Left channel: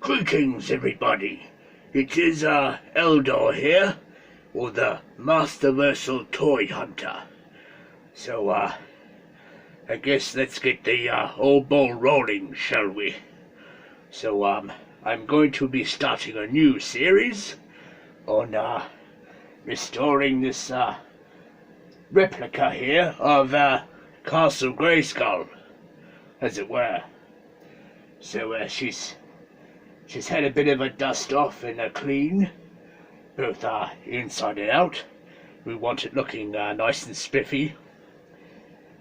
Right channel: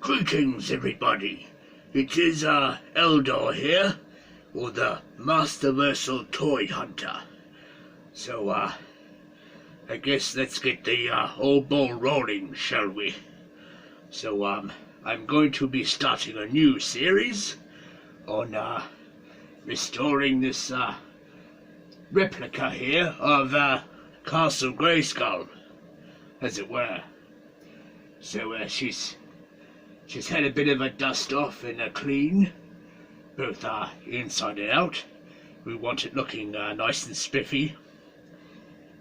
Greetings everybody. It is, Eldor here, or the Masterversal-Toyhunter. So, I guess let's get the, old ball rolling, shall we? So, I'm going to be starting a new series on, restoring this, replica here of, Castle Grayskull, as it were. So, she's had a bit of a dust off and a clean, both inside and out. We want it looking nice and spiffy.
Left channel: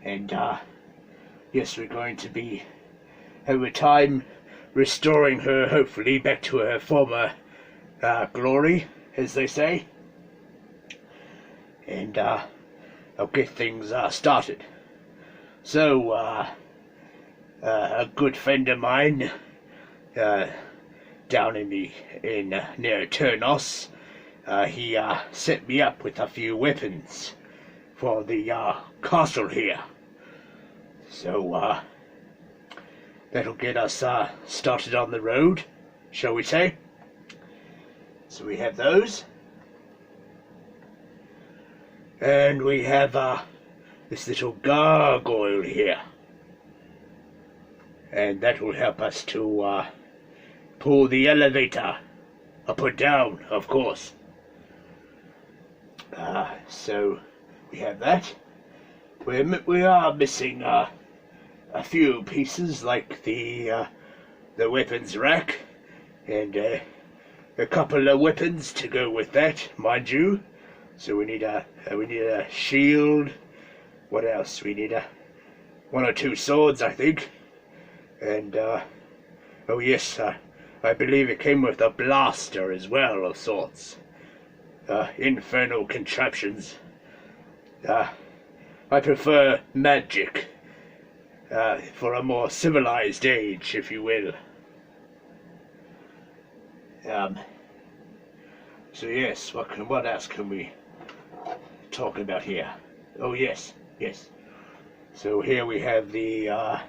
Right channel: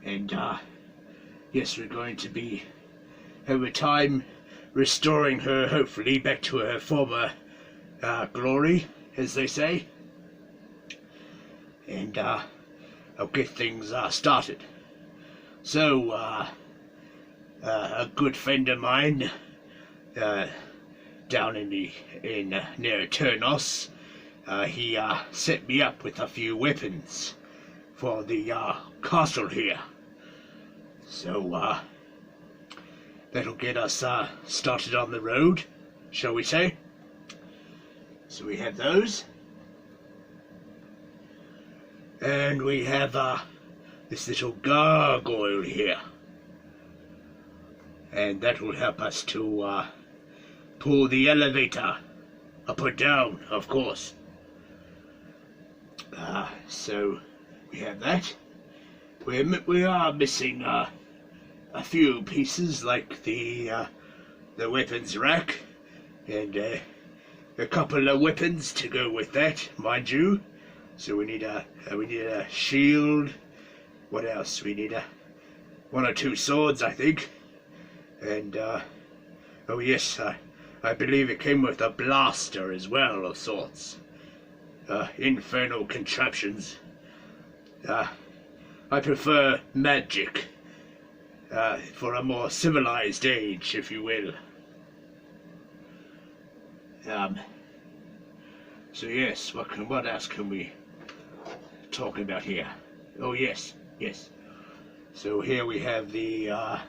And yes, we're going to be, over time, restoring her, hopefully, back to her former glory, as they say. And I'll get things started. So, a good friend of mine, down near Turnos, he set me up with a few weapons for the castle here. So that'll get us started on the road, shall we say. So we have those, and we have this little gargoyle here, and that will help us to pull the elevator up or down, of course. So we have that. We are missing a few pieces, like the weapons rack, and a couple of weapons to go with that, mind you. So we need a shield. What else? We need one or two swords, I think, and oh yes, I believe it came with a blaster as well, of sorts. Infernal contraptions. I prefer magic, for a more civilized age, if you will. So yes, what else can we talk about here? Oh yes. So here we have the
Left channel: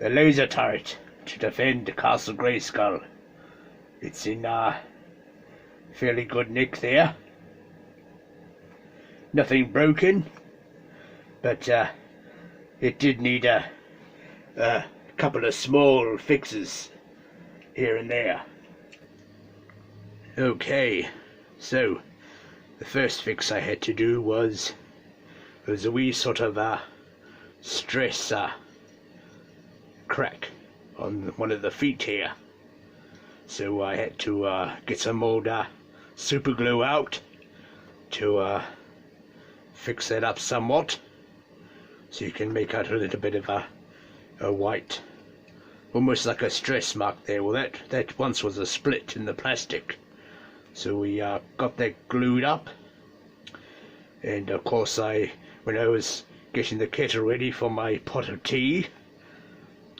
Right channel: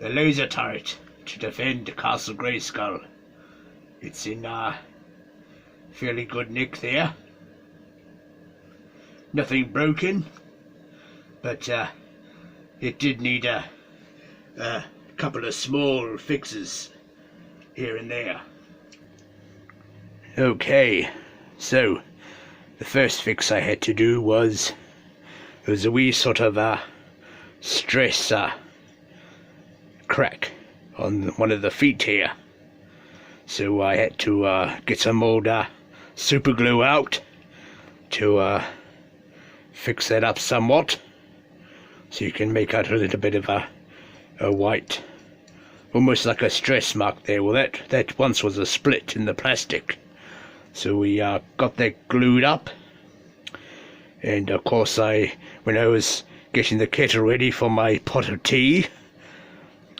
laser turret to defend Castle Grayskull. It's in fairly good nick there. Nothing broken, but it did need a couple of small fixes here and there. Okay, so the first fix I had to do was there was a wee sort of stress crack on one of the feet here, so I had to get some old super glue out to fix that up somewhat, so you can make out a little bit of a white, almost like a stress mark there. Well, that once was a split in the plastic, so we got that glued up. And of course, when I was getting the kettle ready for my pot of tea,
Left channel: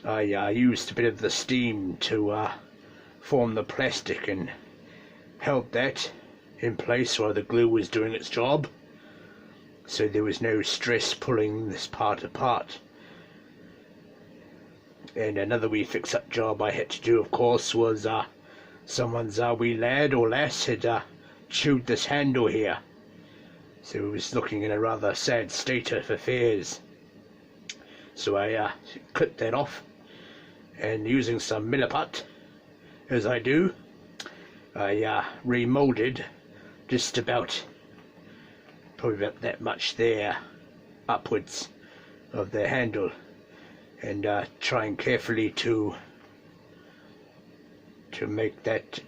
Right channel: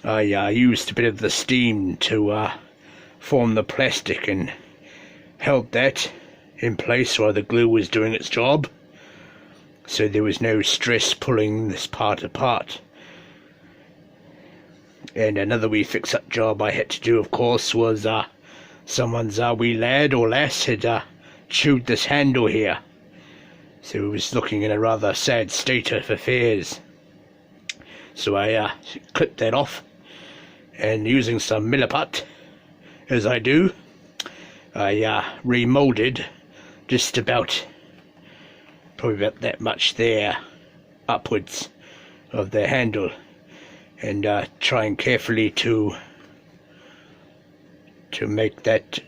I used a bit of the steam to form the plastic and held that in place while the glue was doing its job, so there was no stress pulling this part apart. And another wee fix-up job I had to do, of course, was someone's wee lad or lass had chewed this handle here, so it was looking in a rather sad state of affairs. So I clipped that off, and using some milliput, as I do, I remolded just about, probably about that much there, upwards of the handle, and trying carefully to make that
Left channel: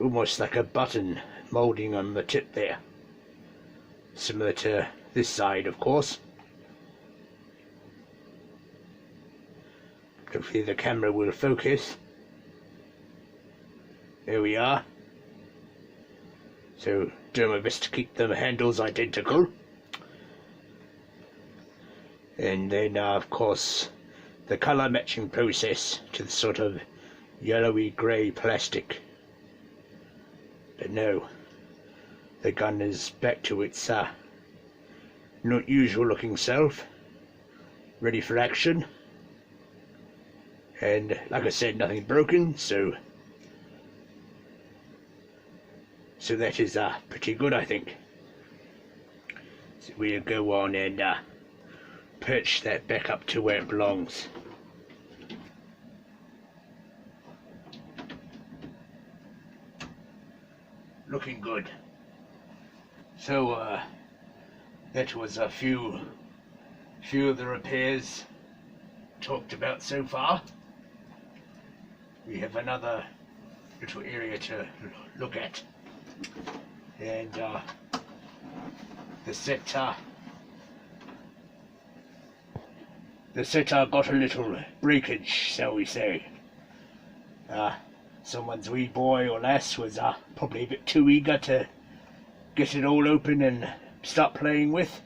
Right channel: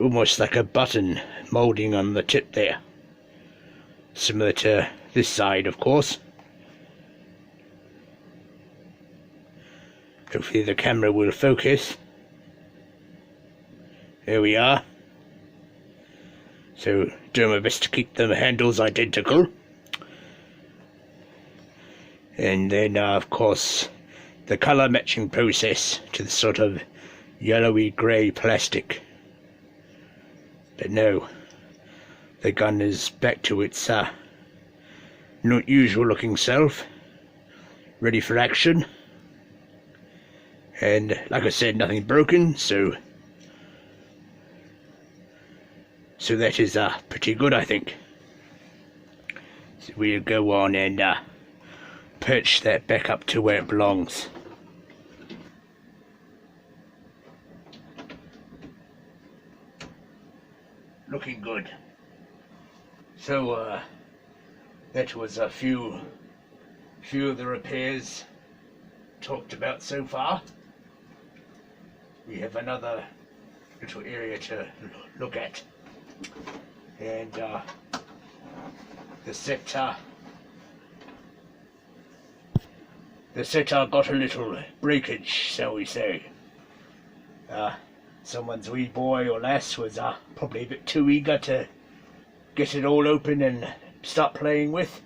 almost like a button moulding on the tip there, similar to this side, of course. Hopefully the camera will focus. There we are. So doing my best to keep the handles identical. And then of course the colour matching process to the sort of yellowy grey plastic. But no, the gun is back to its not usual looking self, ready for action. And like I said, nothing broken, so that is pretty good, I think. So we'll go on and perch that back up to where it belongs. Looking good. So that was a few of the repairs talked about so far. We have another little area to look at, and the setter got a little breakage, shall we say. Someone's wee boy or lass was probably a bit too eager to get it all open and start playing with,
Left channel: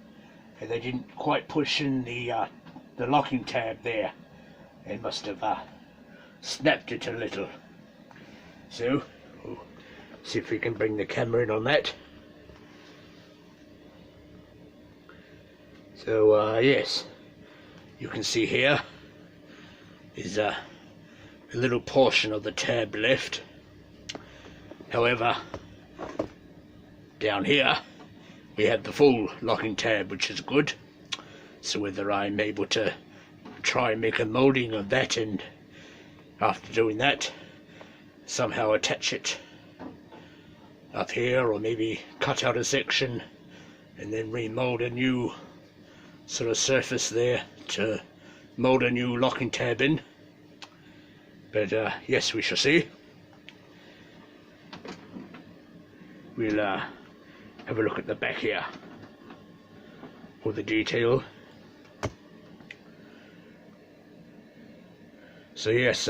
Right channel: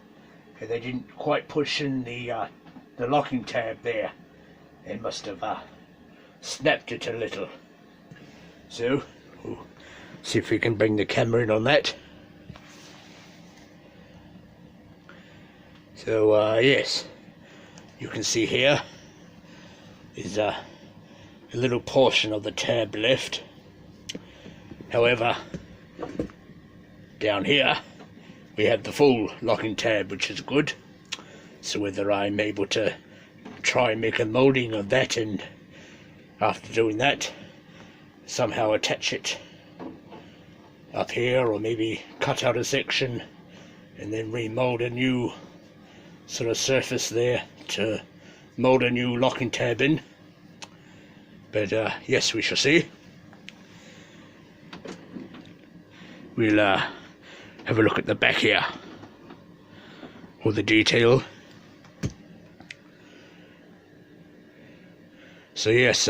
and they didn't quite push in the locking tab there, and must have snapped it a little. So we'll see if we can bring the camera in on that. So yes, you can see here is a little portion of the tab left. However, down here we have the full locking tab, which is good. So whether I'm able to try and make a moulding of that, and after doing that somehow attach it up here, or maybe cut out a section and then remold a new sort of surface there to mold a new locking tab in. But yes, we shall see. We'll have a look at the back here, all the detail. So yes,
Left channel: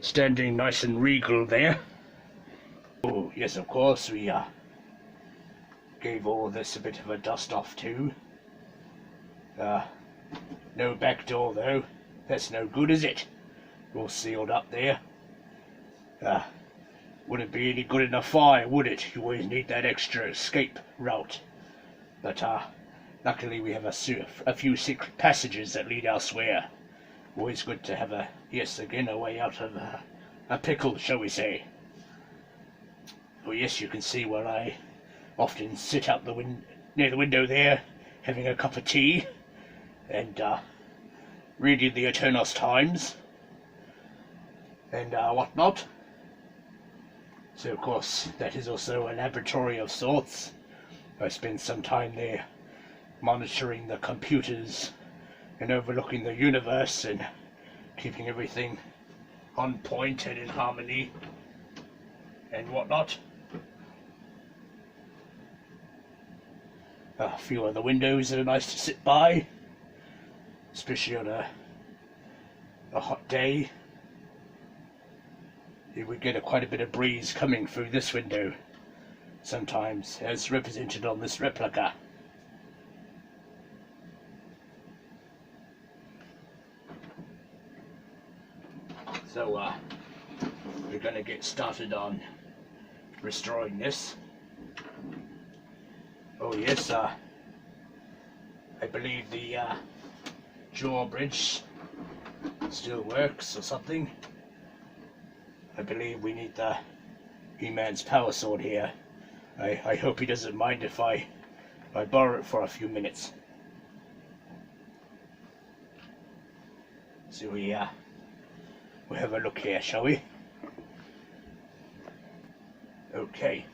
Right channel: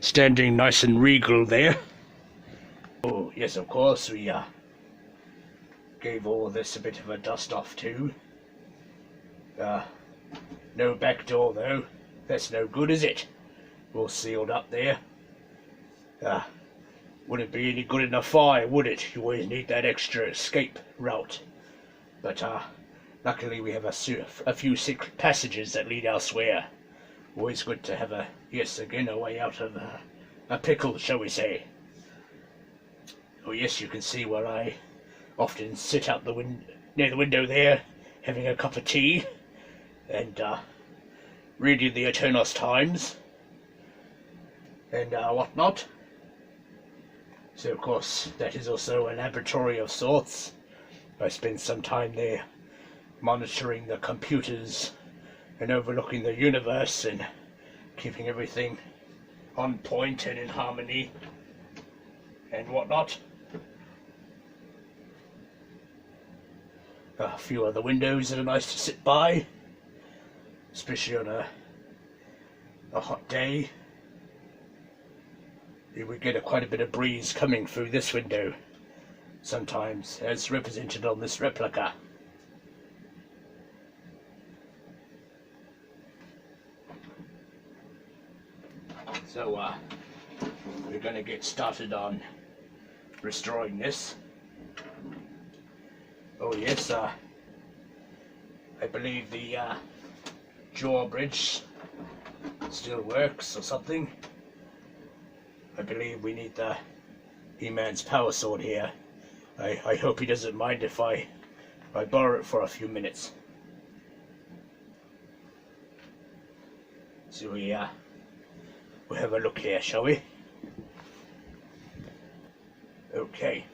standing nice and regal there. Oh yes, of course, we gave all this a bit of a dust off too. No back door though, that's no good, is it? All sealed up there. Wouldn't be any good in a fire, would it? You always need that extra escape route. But luckily we have a few secret passages that lead elsewhere. Always good to have a way out of a pickle, shall we say. Oh yes, you can see where I often sit out near the window there, having a cup of tea and reading the Eternal Times and whatnot. So of course that is also a laboratory of sorts. I spend some time there monitoring the computers and overlooking the universe and keeping everything on point and in harmony and whatnot. A few other windows that are nice to sit by, especially on a hot day. You would get quite a bit of breeze coming through this window sometimes, as represented on this replica. So we're going to get started on restoring this. Oh yes, I believe the Drawbridge still works or something. I believe we need the He-Man's power sword here. I hope he doesn't mind if I borrow it for a few minutes. So we'll have a look here, shall we? Okay.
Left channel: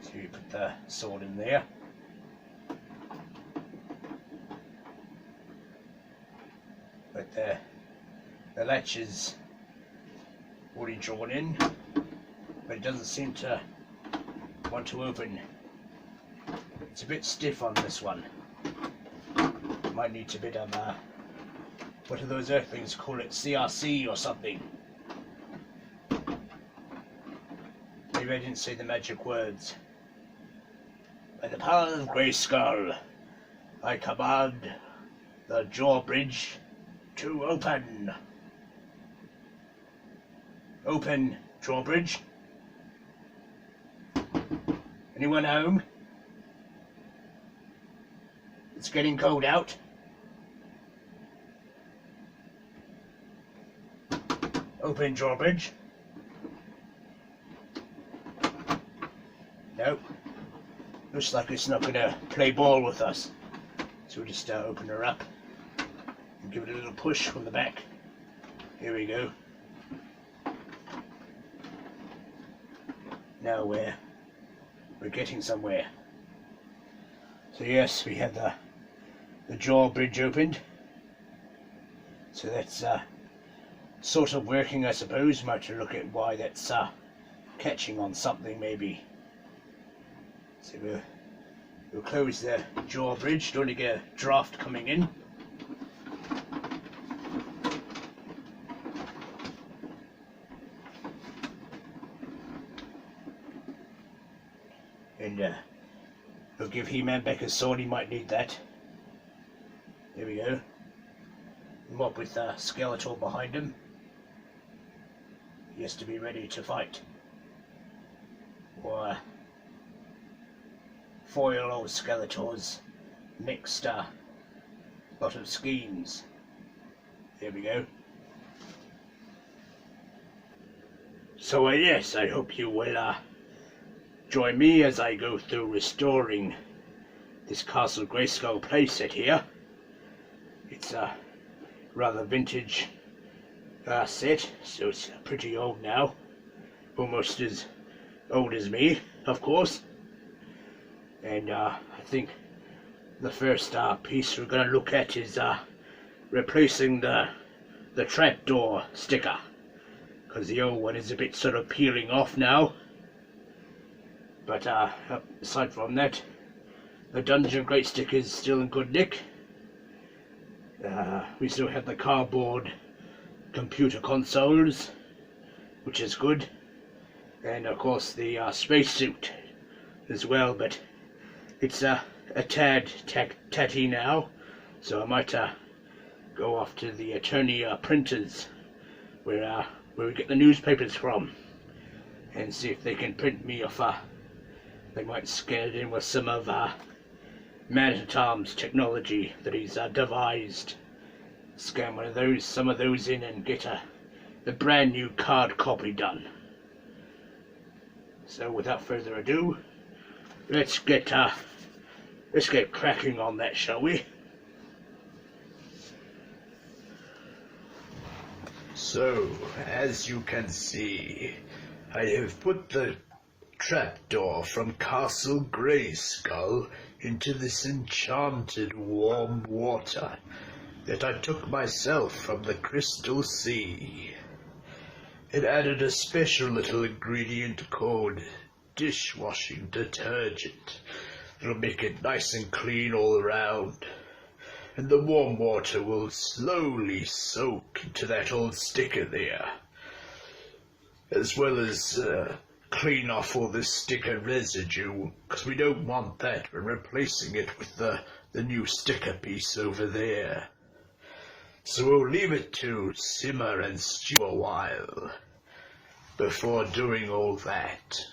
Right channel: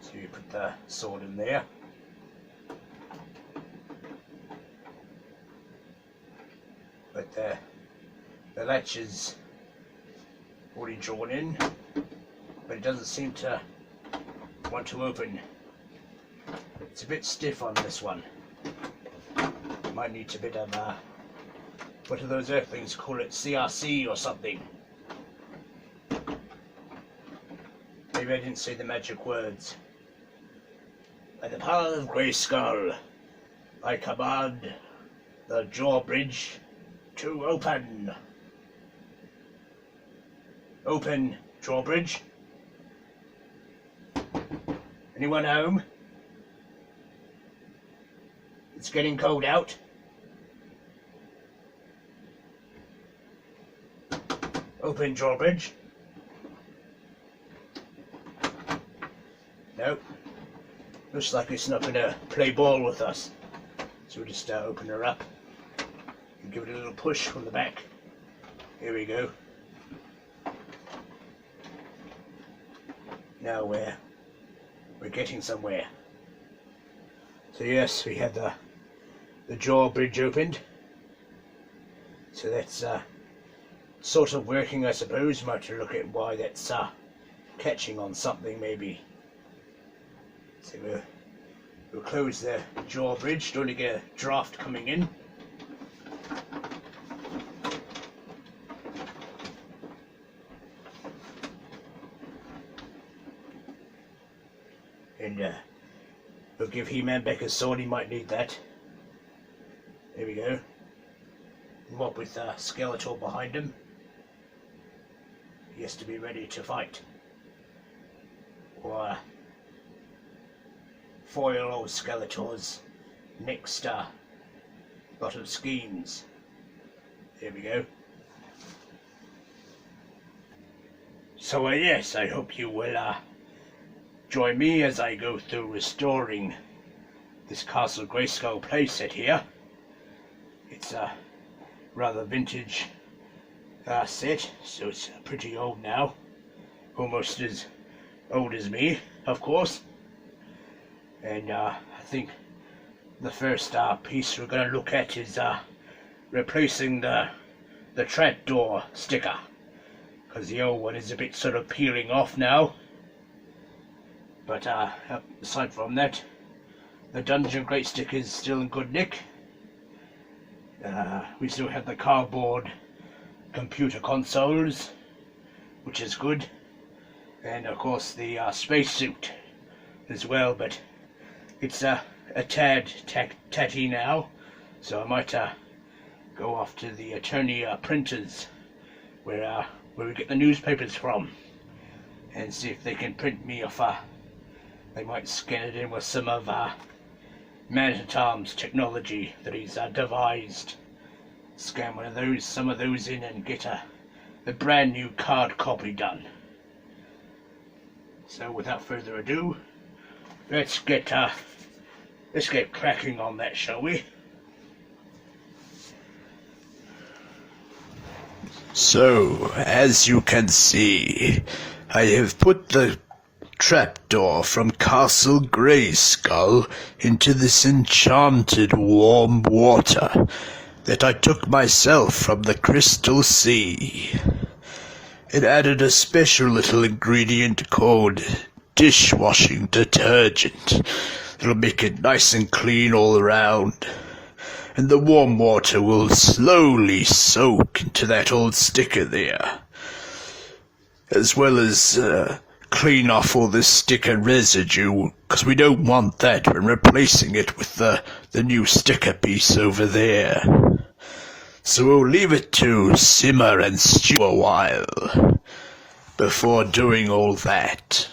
So you put the sword in there. But the latch is already drawn in, but it doesn't seem to want to open. It's a bit stiff on this one. Might need a bit of what are those earth things, call it CRC or something. Maybe I didn't say the magic words. By the power of Grayskull, I command the drawbridge to open. Open, drawbridge. Anyone home? It's getting cold out. Open drawbridge. No. Looks like it's not going to play ball with us. So we'll just open her up and give it a little push from the back. Here we go. Now we're getting somewhere. So yes, we have the drawbridge opened. So that's sort of working, I suppose. Might have to look at why that's catching on something maybe. So we'll close the drawbridge. Don't want to get a draft coming in. And we'll give He-Man back his sword. He might need that. There we go. Mob with Skeletor behind him. He has to be ready to fight. Or foil old Skeletor's next lot of schemes. There we go. So yes, I hope you will join me as I go through restoring this Castle Grayskull playset here. It's a rather vintage set, so it's pretty old now. Almost as old as me, of course. And I think the first piece we're going to look at is replacing the Trapdoor sticker, because the old one is a bit sort of peeling off now. But aside from that, the Dungeon Crate sticker is still in good nick. We still have the cardboard computer consoles, which is good, and of course the spacesuit as well, but it's a tad tatty now, so I might go off to the attorney printers where we get the newspapers from and see if they can print me off. They might scan it in with some of Man at Arms technology that he's devised. Scan some of those in and get a brand new card copy done. So without further ado, let's get cracking on that, shall we? So, as you can see, I have put the Trapdoor from Castle Grayskull into this enchanted warm water that I took myself from the Crystal Sea. It added a special little ingredient called dishwashing detergent. It'll make it nice and clean all around. And the warm water will slowly soak into that old sticker there, as well as clean off all the sticker residue, because we don't want that when replacing it with the new sticker piece over there. So we'll leave it to simmer and stew a while before doing all that.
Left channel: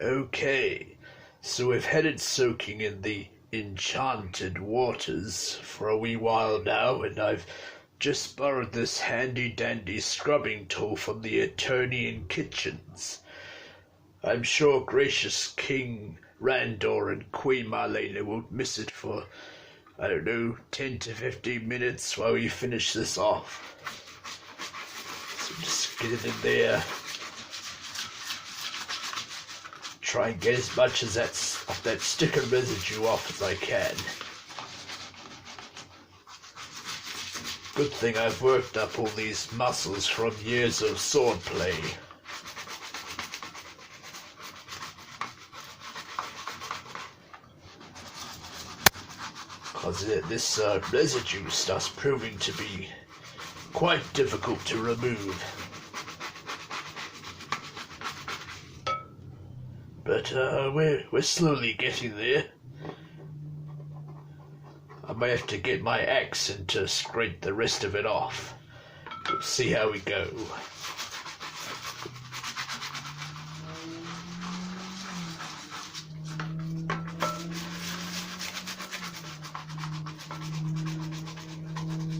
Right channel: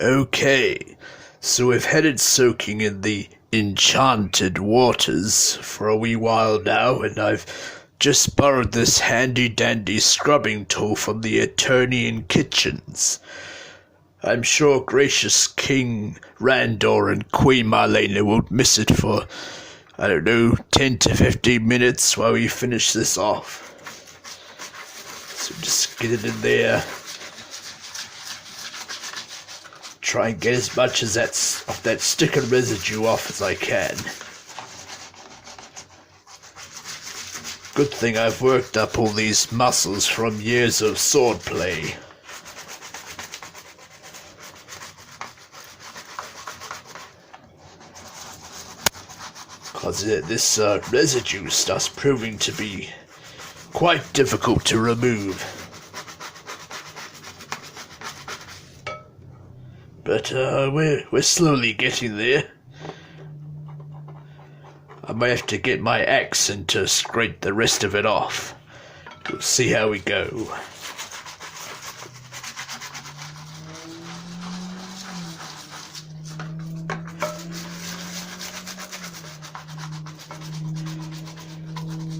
Okay, so we've had it soaking in the enchanted waters for a wee while now, and I've just borrowed this handy-dandy scrubbing tool from the attorney in kitchens. I'm sure gracious King Randor and Queen Marlena won't miss it for, I don't know, 10 to 15 minutes while we finish this off. So just get it in there. Try and get as much of that sticker residue off as I can. Good thing I've worked up all these muscles from years of sword play. Cause this residue stuff's proving to be quite difficult to remove. But we're slowly getting there. I might have to get my axe and to scrape the rest of it off. We'll see how we go.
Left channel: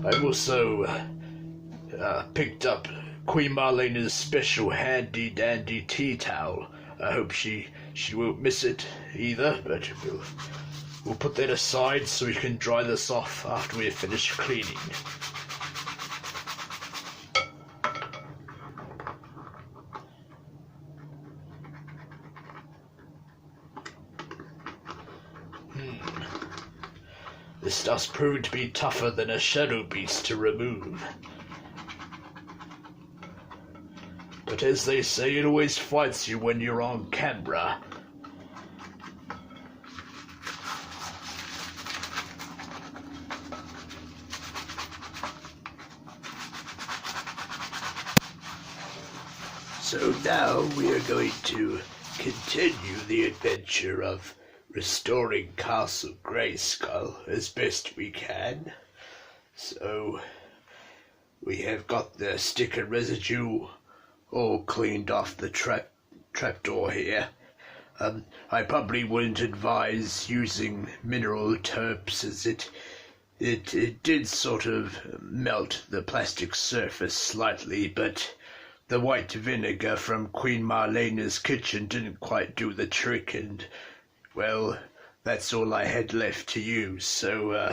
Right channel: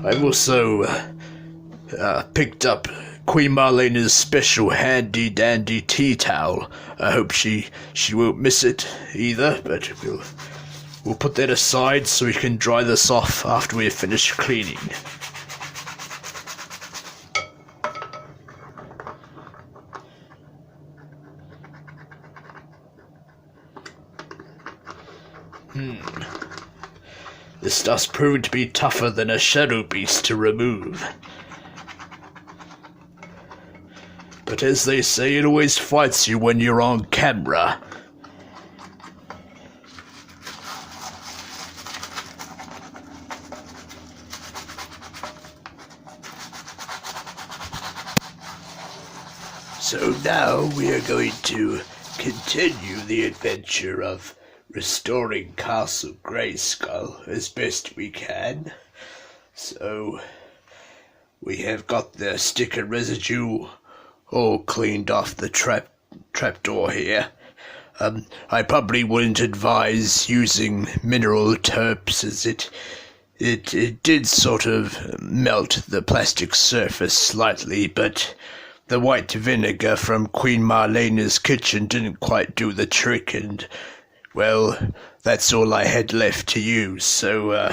I've also picked up Queen Marlena's special handy-dandy tea towel. I hope she won't miss it either, but we'll put that aside so we can dry this off after we're finished cleaning. This does prove to be tougher than a shadow beast to remove. But as they say, it always fights you when you're on camera. So now we are going to continue the adventure of restoring Castle Grayskull as best we can. So we have got the sticker residue all cleaned off the trapdoor here. I probably wouldn't advise using mineral terps, as it did sort of melt the plastic surface slightly, but the white vinegar from Queen Marlena's kitchen didn't quite do the trick, and, well, that's all I had left to use, so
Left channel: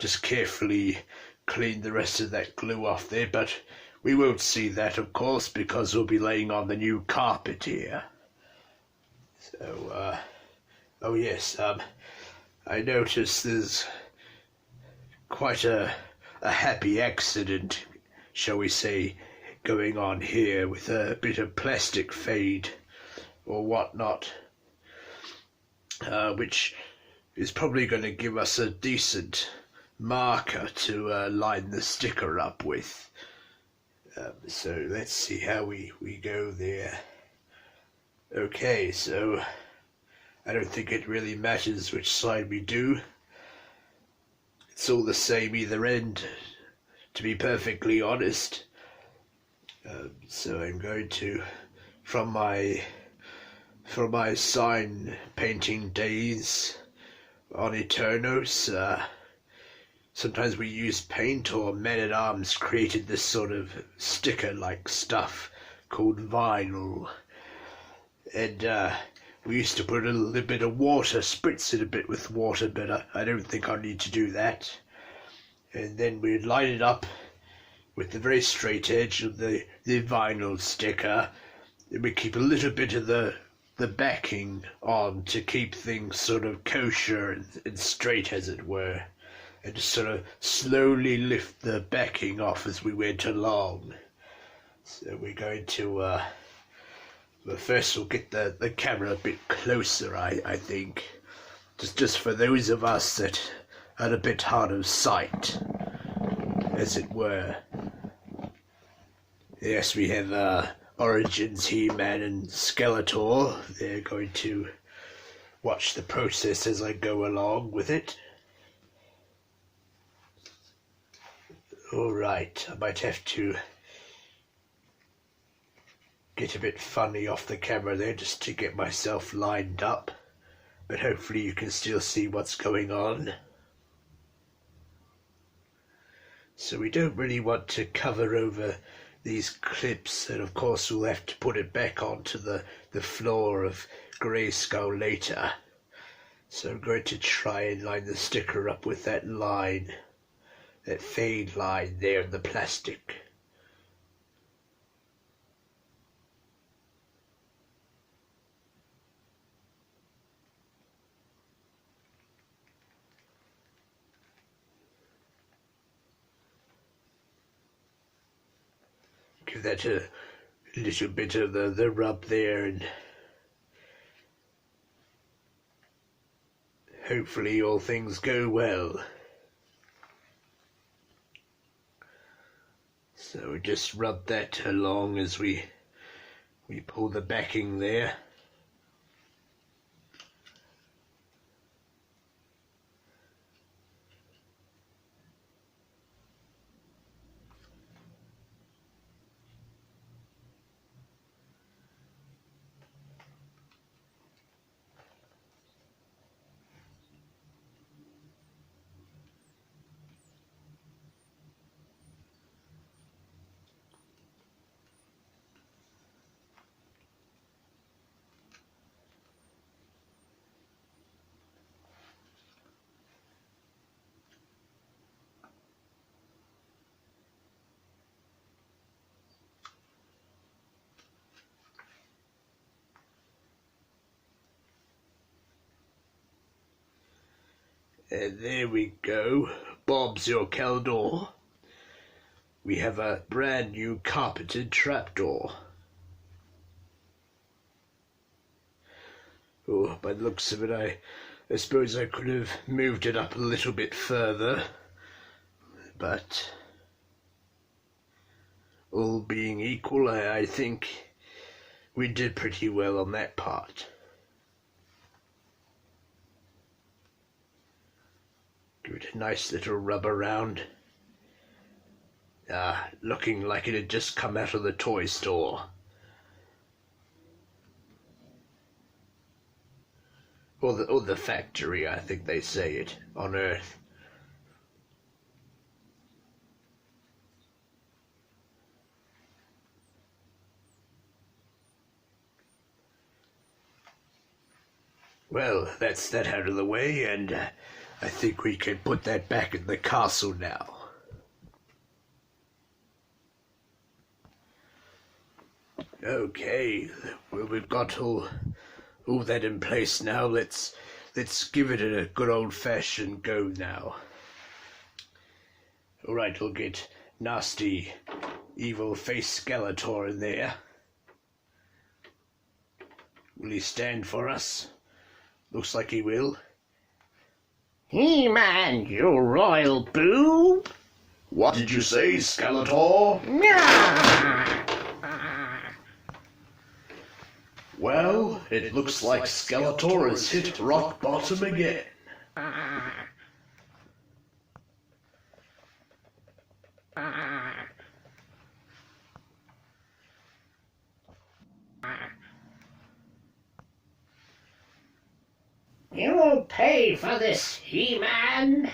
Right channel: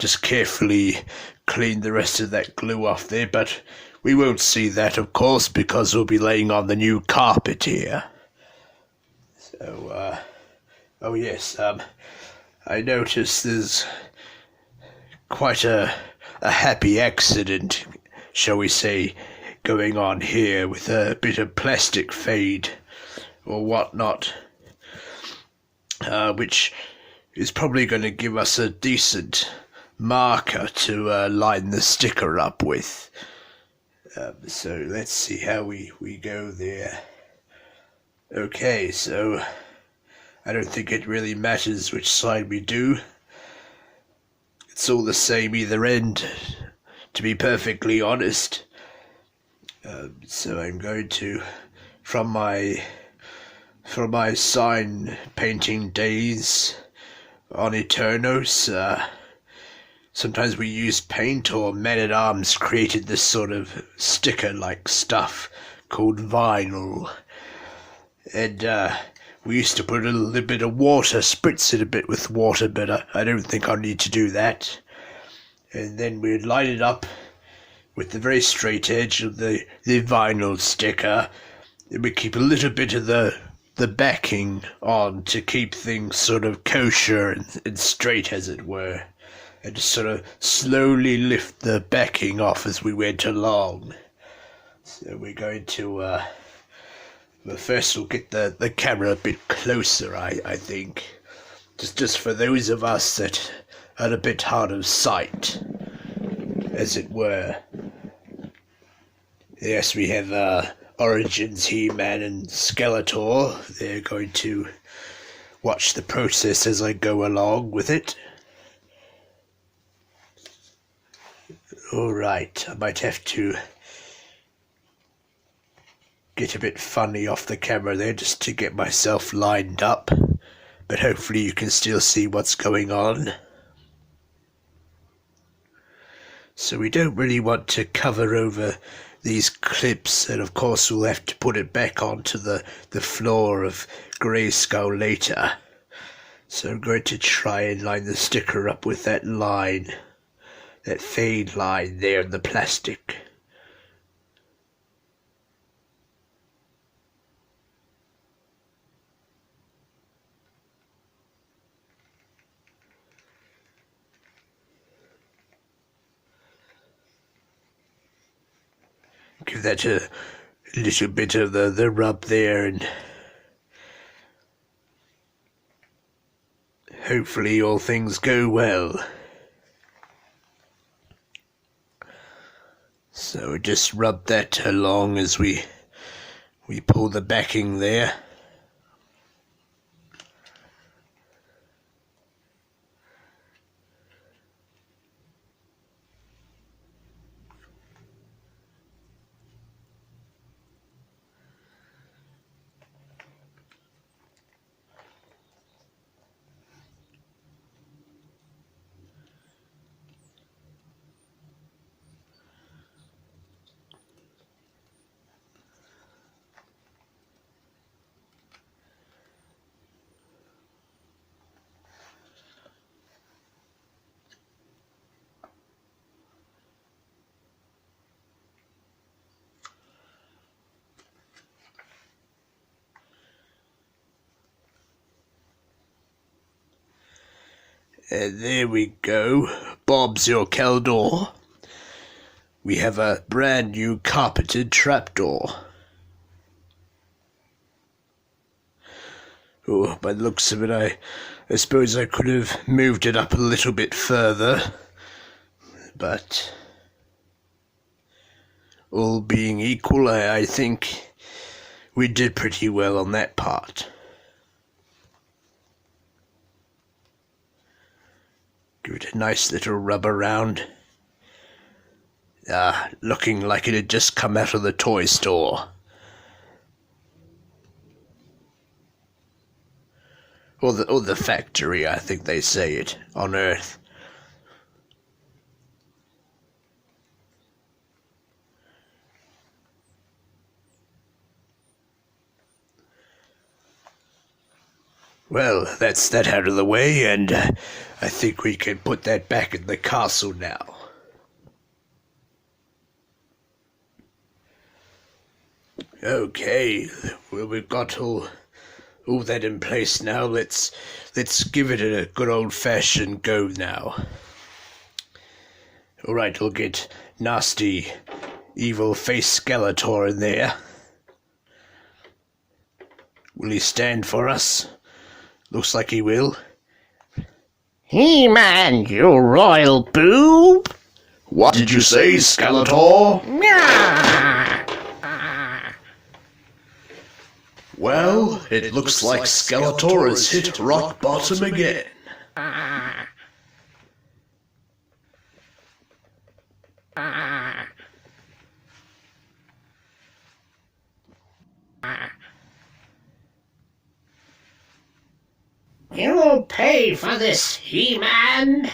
just carefully clean the rest of that glue off there, but we won't see that, of course, because we'll be laying on the new carpet here. So, oh yes, I noticed there's quite a happy accident, shall we say, going on here with a bit of plastic fade or whatnot, which is probably going to give us a decent marker to line the sticker up with. So let's see how we go there. Okay, so I don't think it really matters which side we do. It's all the same either end, to be perfectly honest. So I'm going to, from my sign painting days on Eternos, sometimes we used paint, or men-at-arms created this sort of sticker-like stuff called vinyl. And we used to put a little bit of water, spritz it a bit with water, but I don't think I'll need to do that. And then we'd line it up with the very straight edge of the vinyl sticker. And we keep a little bit of the backing on to keep things sort of kosher and straight, as it were. And just sort of slowly lift the backing off as we went along. So we're going to, well, first we'll get the camera a bit closer, I think. Just for those of us that are a bit hard of sight, as it were. Yes, we have Origins, He-Man and Skeletor. They're going to watch the process as I go along with it. Alright, I might have to get a bit funny off the camera there just to get myself lined up, but hopefully you can still see what's going on. So we don't really want to cover over these clips, and of course we'll have to put it back onto the floor of Grayskull later. So I'm going to try and line the sticker up with that line, that fade line there in the plastic. Give that a little bit of the rub there, and hopefully all things go well. So just rub that along as we pull the backing there. There we go. Bob's your Eldor. We have a brand new carpeted trapdoor. Oh, by the looks of it, I suppose I could have moved it up a little bit further, but all being equal, I think we did pretty well on that part. Give it a nice little rub around. Looking like it had just come out of the toy store. Or the factory, I think they say it, on Earth. Well, that's that out of the way, and I think we can put that back in the castle now. Okay, well, we've got all that in place now. Let's give it a good old-fashioned go now. All right, we'll get nasty, evil-faced Skeletor in there. Will he stand for us? Looks like he will. He-Man, you royal boob! What did you say, Skeletor? Well, it looks like Skeletor has hit rock bottom again. You'll pay for this, He-Man!